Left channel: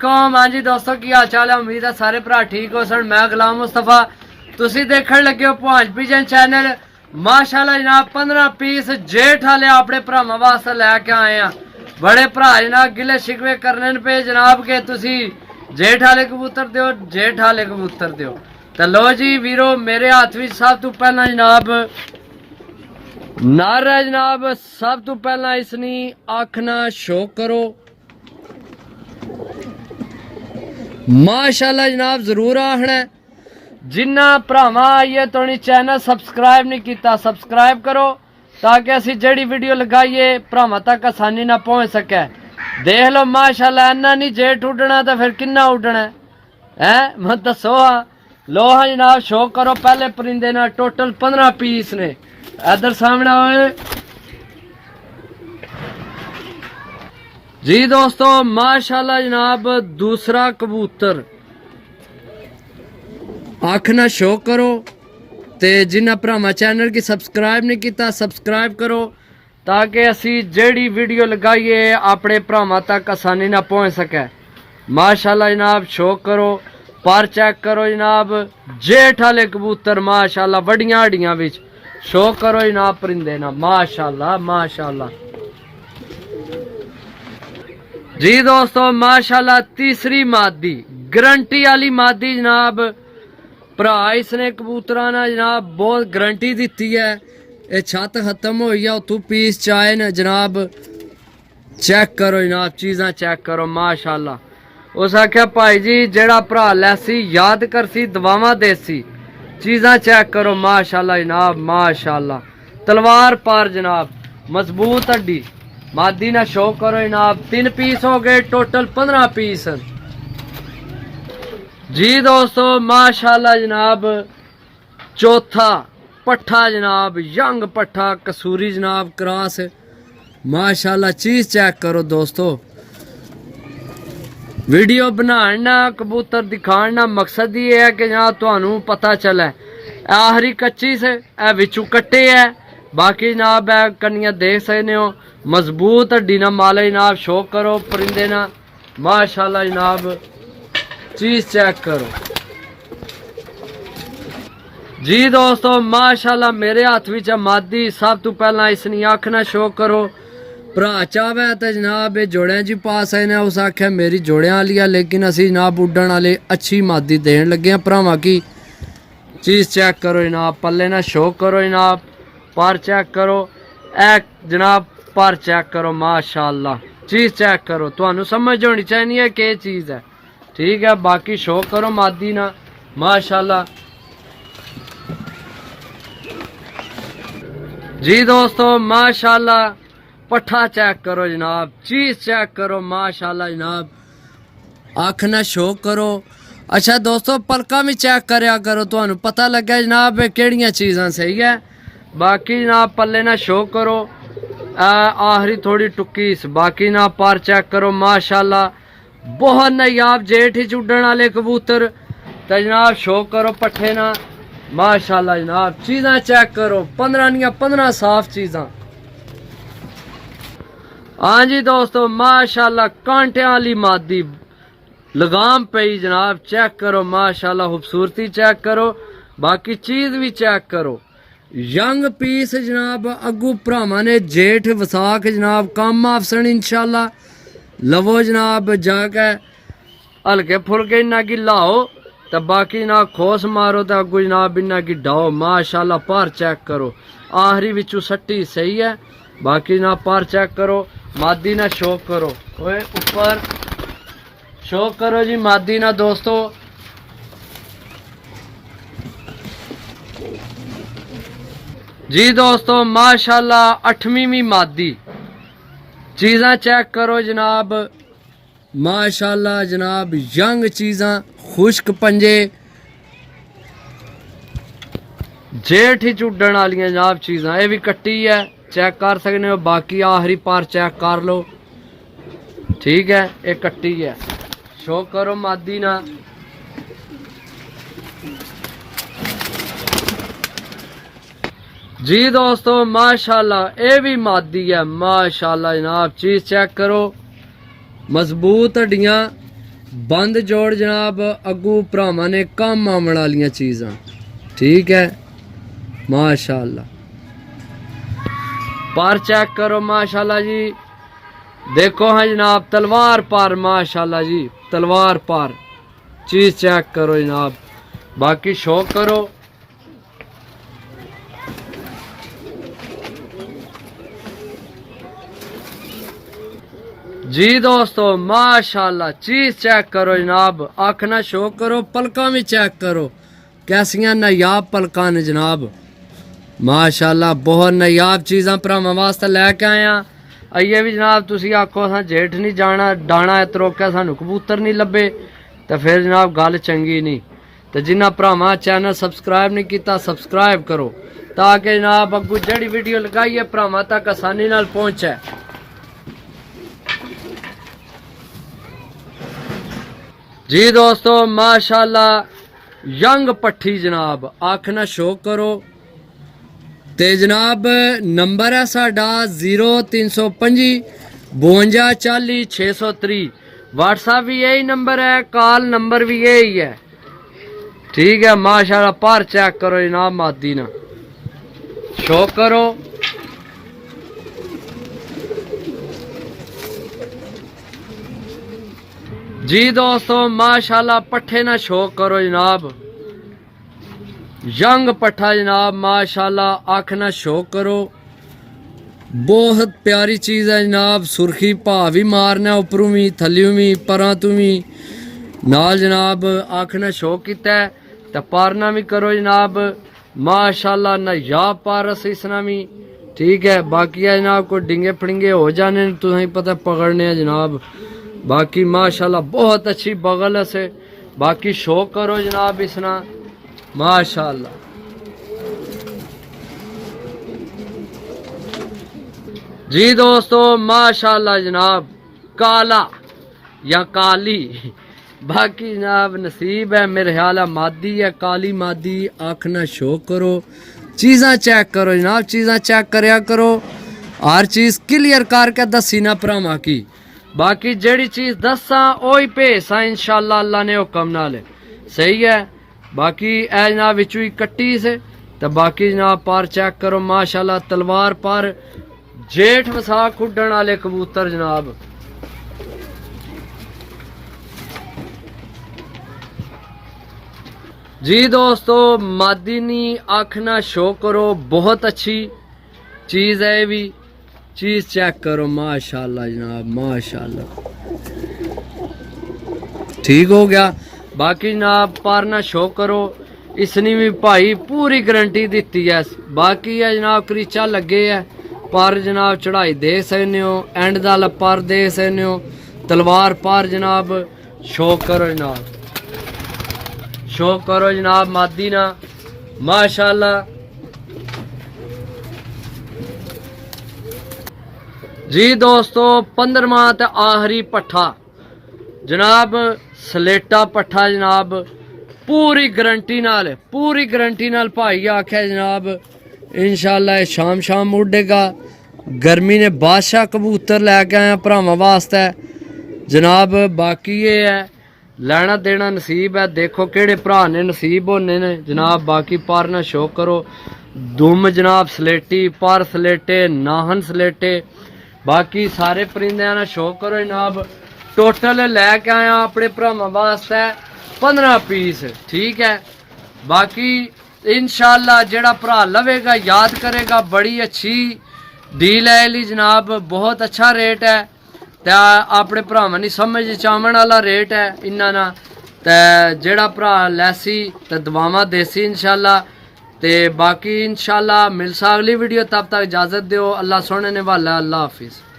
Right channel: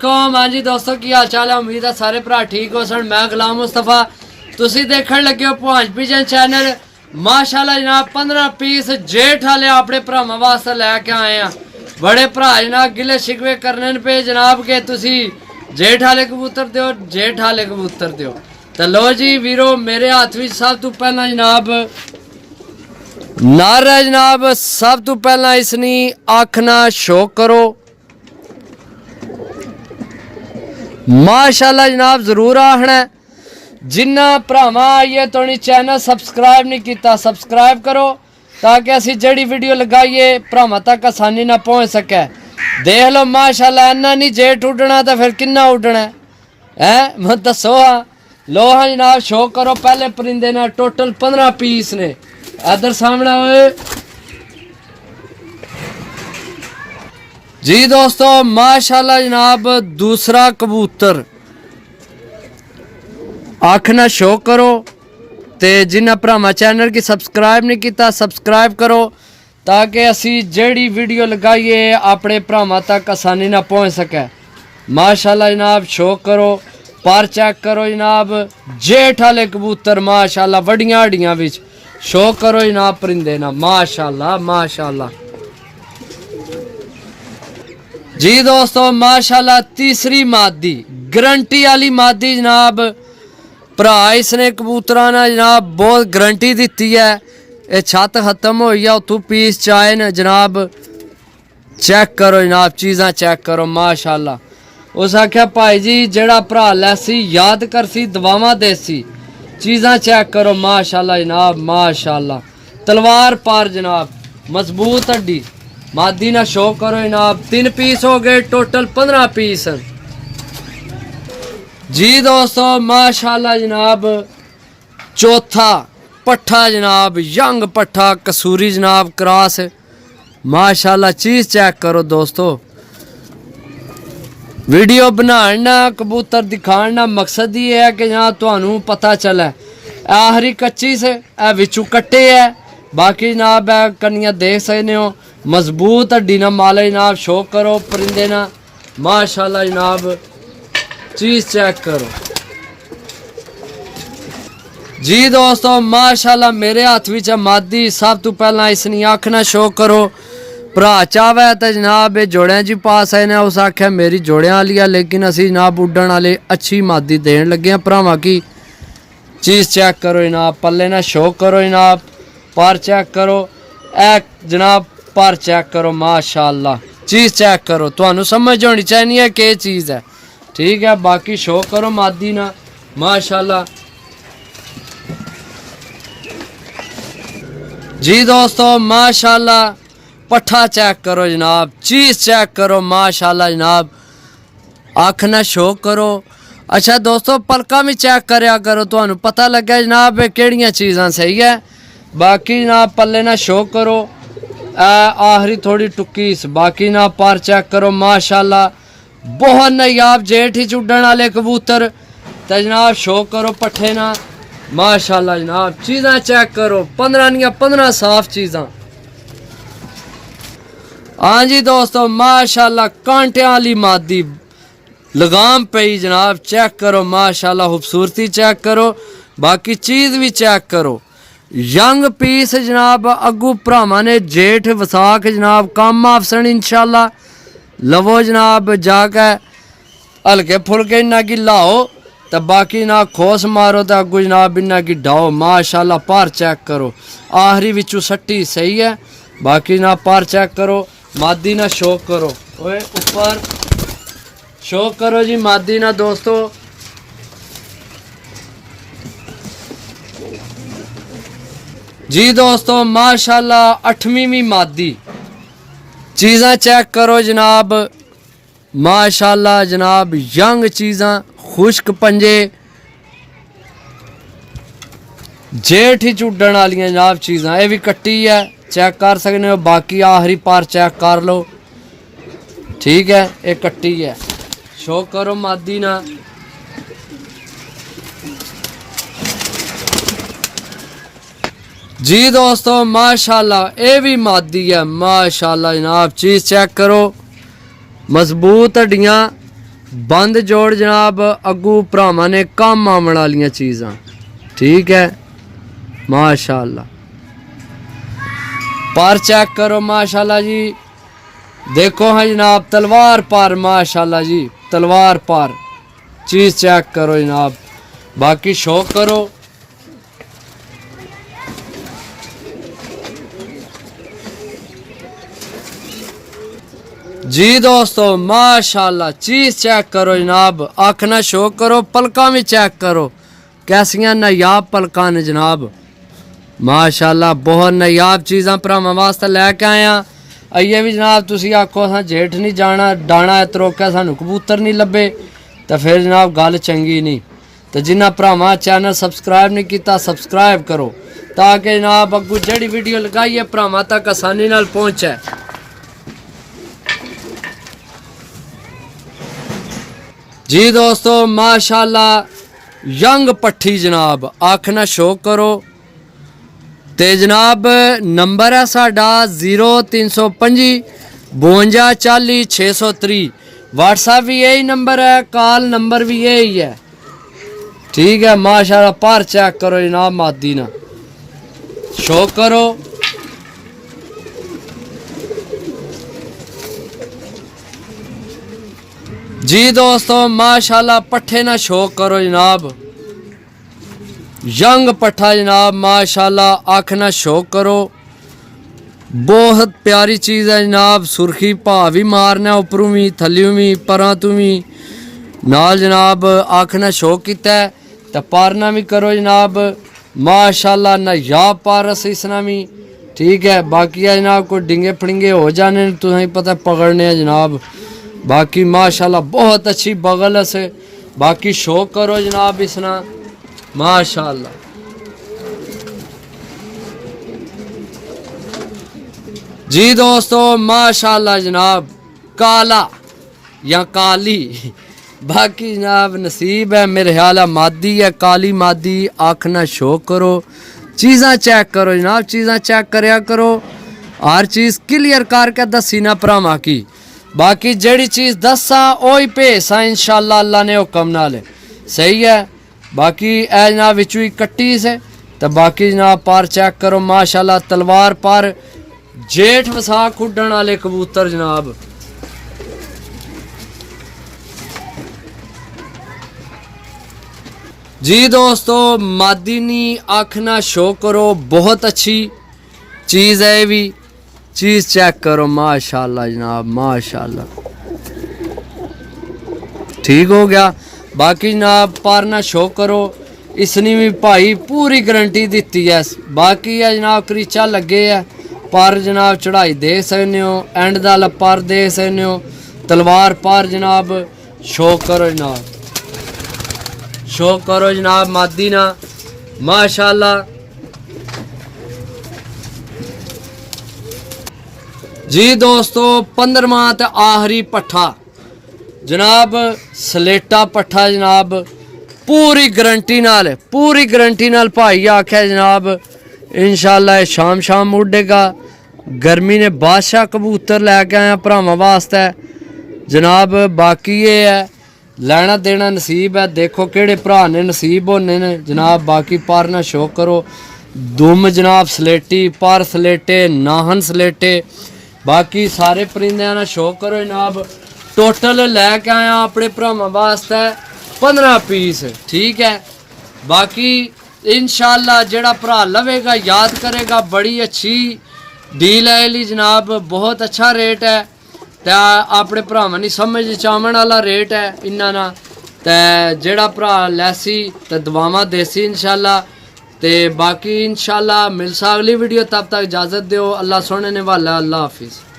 वालेकुम। हाँ जी दोस्तों की हाल चाल है। उम्मीद है सारे भरा ठीक हो सन। मैं गुलाम मुस्तफा, तुसी देखने लगे हो भांज पिजन चैनल। माशाल्लाह जनाब 15 पीस जेठ वाले अपने भरावां वास्ते लैके आए हैं। बड़े भरा जनाब गिले शिकवे करने पे जनाब के तुसी जेठ वाले कबूतर दो, जेठ वाले कबूतर दो। तो लो जी वीरो, मेरे हाथ में सब तो पहला जनाब नर है जनाब। सब तो पहला इसनी आखना शो करो माशाल्लाह जनाब, जरूर आखना। जिन्ना भरावां आइए तो चैनल सबसक्राइब नहीं किया, सबसक्राइब करो ताकि असी जड़ी वीडियो लगाइए भरावां तक आसानी ना पहुँच सके। देख लो माशाल्लाह, इन्ना नहीं जेठ उड़ना तो फिर किन्ना उड़ना है मैं दसो। हाँ लो हाँ जनाब, शो करो पहले परिंदे ना। टोटल 15 पीस ने। इधर सामने आए जी दोस्तों। माशाल्लाह जनाब दूसरा कबूतर आखना शो करो। ते जिन्ना भरावां चैनल की सबसक्राइब नहीं किया, सबसक्राइब करो ताकि असी जेड़ी वीडियो लगाइए अपने भरावां तक आसानी ना पहुँच सके। माशाल्लाह जनाब शो करो, पर चेक करो जनाब। जेठ वाले कबूतर माशाल्लाह वड्डियां हड्डियां विच। शो करो जनाब परिंदे ना, माशाल्लाह माशाल्लाह जी दोस्तों। माशाल्लाह तीसरी मादी गारंटी वाली मादी जनाब। भरा इसने कबूतरा ना जनाब बहुत गारंटी दी है। ये छत खत्म हो गया उतू पीस चाहे न जनाब। चेक करो जनाब, चीज़ां चेक करो माशाल्लाह। उस आख्या भाई जी जेड़ा भरा लैसी याद करसी दवावां देसी। चीज़ां चेक करो माशाल्लाह जनाब, माशाल्लाह। तलवार पार जनाब, मजबूत हड्डी। मादी ना शो करो जनाब। 3 पीस हो गए, टोटल 15 पीस जी दोस्तों। माशाल्लाह जनाब चौथा पट्ठा जनाब, यंग पट्ठा कसूरी जनाब क्रॉस। माशाल्लाह चीज़ चेक करो दोस्तों। वीडियो बनाना कबूतर दिखाना मकसद ये है कि जहाँ थानू पता चले। आखिरी कच्ची से ए विचू कट्टे है, बाकी जनाब है कन्या देख सकते हो। मजबूत हड्डी ना माले जनाब। शो करो परिंदे ना माशाल्लाह जनाब, चीज़ चेक करो जी दोस्तों। माशाल्लाह मेरे हाथ में मादी। सब तो पहला इसनी आखना शो करो। भरा चावे तो जनाब ये जोड़ियां जी पास आए ने। उस आख्या मेरी जोड़ियां वाली है, लेकिन असी जनाब उड्डण वाले अच्छी मादी देन लगे हैं भरावां की। चीज़ चेक करो जनाब, पल्ले ना शो करो जनाब। पर चेक करो ए जनाब, पर चेक करो माशाल्लाह। चीज़ चेक करो, तुहानू समझ होनी चाहिए कि चीज़ है, ठीक है। बाकी शो करो मादी ना माशाल्लाह जी दोस्तों। माशाल्लाह पट्ठा चेक करो जनाब, चीज़ चेक करो माशाल्लाह जनाब। आखना शो करो। अच्छा दोस्तों पलका भी चेक करया करो, तुहानू पता लगे जनाब केड़ियां चीज़ां सही है। बाकी जनाब पल्ले ना शो करो। आखिरी थोड़ी टुक्की। बाकी ना पर चेक करो माशाल्लाह। बहुत नायाब जेठ ही उड्डण वाले कबूतर। तो जनाब शो करो पट्ठे ना माशाल्लाह जनाब। चीज़ां चेक करो, 15 निया 15 साफ चीज़ां। हाँ जी दोस्तों माशाल्लाह कांटियां वाली मादी लगाम पई जनाब। चेक करो माशाल्लाह, खूबसूरती चेक करो। बाकी चीज़ भी चेक करो। यंग पीस जनाब। अगू भरावां ने जेठ वसाख जनाब कम आफसन इंशाल्लाह। लवो जनाब जाके हल्के फुलके इन्ना की लाओ तो बाकी ना खोस मारो तो अगू जनाब इन्ना की डाओ माशाल्लाह। पर चेक करो, आखिरी विचू सट्टी सही है। बाकी ना पर चेक करो, मादी ना शो करो। ओए ऊपर शो करो जी मादी ना दोस्तों। जी दोस्तों माशाल्लाह 8वीं मादी। चीज़ां चेक करो जनाब माशाल्लाह जनाब। यंग चीज़ां, खुश्क पंजे, जेठ ही उड्डण वाली जनाब चीज़ां। ये भी कट्टी है, चेक कर सकते हो। बाकी आखिरी पर चेक कर लो, ठीक है। ये कट्टी है। शो करो मादी ना जी दोस्तों माशाल्लाह। ये भी मादी है माशाल्लाह जनाब। चीज़ चेक करो, मजबूत हड्डियाँ, बंद जोड़ जनाब अगू भरावां ने कम आवन वालियां चीज़ां। ठीक है माशाल्लाह। पर चेक करो माशाल्लाह जी, देखो हाँ जनाब तलवार पर माशाल्लाह जी, तलवार पर चीज़ चेक करो जनाब। बाकी शौक करो। जी दोस्तों माशाल्लाह चीज़ चेक करो जनाब, आखना शौक करो। पलका भी चेक करो कैसियां नायाब पलका ने जनाब माशाल्लाह। बहुत नायाब चीज़ां भरावां वास्ते लैके आया। आइए भी जनाब तुसी आखो असां जेठ नहीं जाना, डाणा तरोके सानू कबूतर नहीं लभे, तो फिर जनाब गल चंगी नहीं। तो जिन्हें भरावां चैनल सबसक्राइब नहीं किया सबसक्राइब करो, ताकि जनाब अगू जेड़ी वीडियो लगाइए भरावां तक आसानी नाल पहुँचे। जी दोस्तों माशाल्लाह यंग पट्ठी जनाब, आखना शौक करो। ते जनाब नंबर है साडा 0325 52 40 630। व्हाट्सएप भी यही नंबर है, कॉल नंबर भी यही है। ठीक है माशाल्लाह। पर चेक करो जनाब मादी ना, शौक करो। जी दोस्तों माशाल्लाह पट्ठे ना शौक करो जनाब, यंग पट्ठा जनाब माशाल्लाह, आखना शौक करो। बहुत प्यारी चीज़ है जनाब। सुर्खी भा भी मारना उपरों भी थल्लियों भी परां तू भी नाल जनाब, आखना शौक किता है। तो पारना भी करो जनाब माशाल्लाह, नायाब पार इसना भी। ठीक है बाकी है जनाब कोई डिंगे फड़िंगे हो जाने तुम्हें पता पकड़ने है जनाब। बाकी माशाल्लाह बहुत अच्छी बगल से। बाकी शौक करो जनाब इसना माशाल्लाह। जी दोस्तों माशाल्लाह जनाब काला या काली, बाकी जनाब नसीब है मेरे ख्याल है मादी है, काली मादी। आखना शौक करो, चीज़ां चेक करो जनाब, चीज़ां चेक करया करो। हर चीज़ क्लियर करके दसी ना भरावां की। बाकी जड़ी चीज़ दसा ओही भेसा इंशाल्लाह अल्लाह ने हुक्म नाल। सही है। बाकी ए जनाब विचू ही कट्टी से। तो बाकी जनाब पार चेक करो माशाल्लाह, तलवार पर जेठ वसाख उड्डण वाले कबूतर जनाब। जी दोस्तों मादीनी आखना शौक करो, बहुत अच्छी चीज़ है। भी चीज़ चेक करो माशाल्लाह जनाब माशाल्लाह। ठीक हो गया। बाकी जनाब पारना शौक करो। इसनी भी भाई पूरी गारंटी दी है। बाकी है जनाब करीचा लगे है, पर जनाब चढ़ाई देख सकते हो, एंड दा पर देख सकते हो, तलवार पर जनाब। शौक करो जनाब, शौक करो जनाब मादी ना माशाल्लाह। जी दोस्तों 15वां ते आखिरी पट्ठा जनाब, सलेटा पट्ठा जनाब, पूरी गारंटी नाल, पूरी गारंटी नाल भाई आख्या जनाब इंशाल्लाह शाम शाम उड़ेगा। गर्मी ने बादशाह कबूतर लैके आया भरावां वास्ते जनाब। बाकी ये है लैना देना नसीब है, देखो केड़े भरा ने नसीब होने ने जनाब। बाकी पर ना शौक करो। दुम जनाब सलेटी, पर सलेटे, नाहन सलेटे, बाकी सारे परिंदे ना शौक करो जनाब। टोटल लैके आया अपने भरावां वास्ते 15 पीस। ठीक है। बाकी इंशाल्लाह जेड़ा भरा लवेगा याद करेगा, बड़ी अच्छी डील है ली जनाब, बहुत अच्छा रेट है। तो अपने भरावां दी समझ चावण वाला रेट है इन्ना ना। तो जेड़ा भरा लैसी तो दवावां देसी इंशाल्लाह। ते बाकी इंशाल्लाह मिलसा अगली वीडियो, तब तक इजाज़त दो। अल्लाह सोने ने वाला, अल्लाह हाफिज़।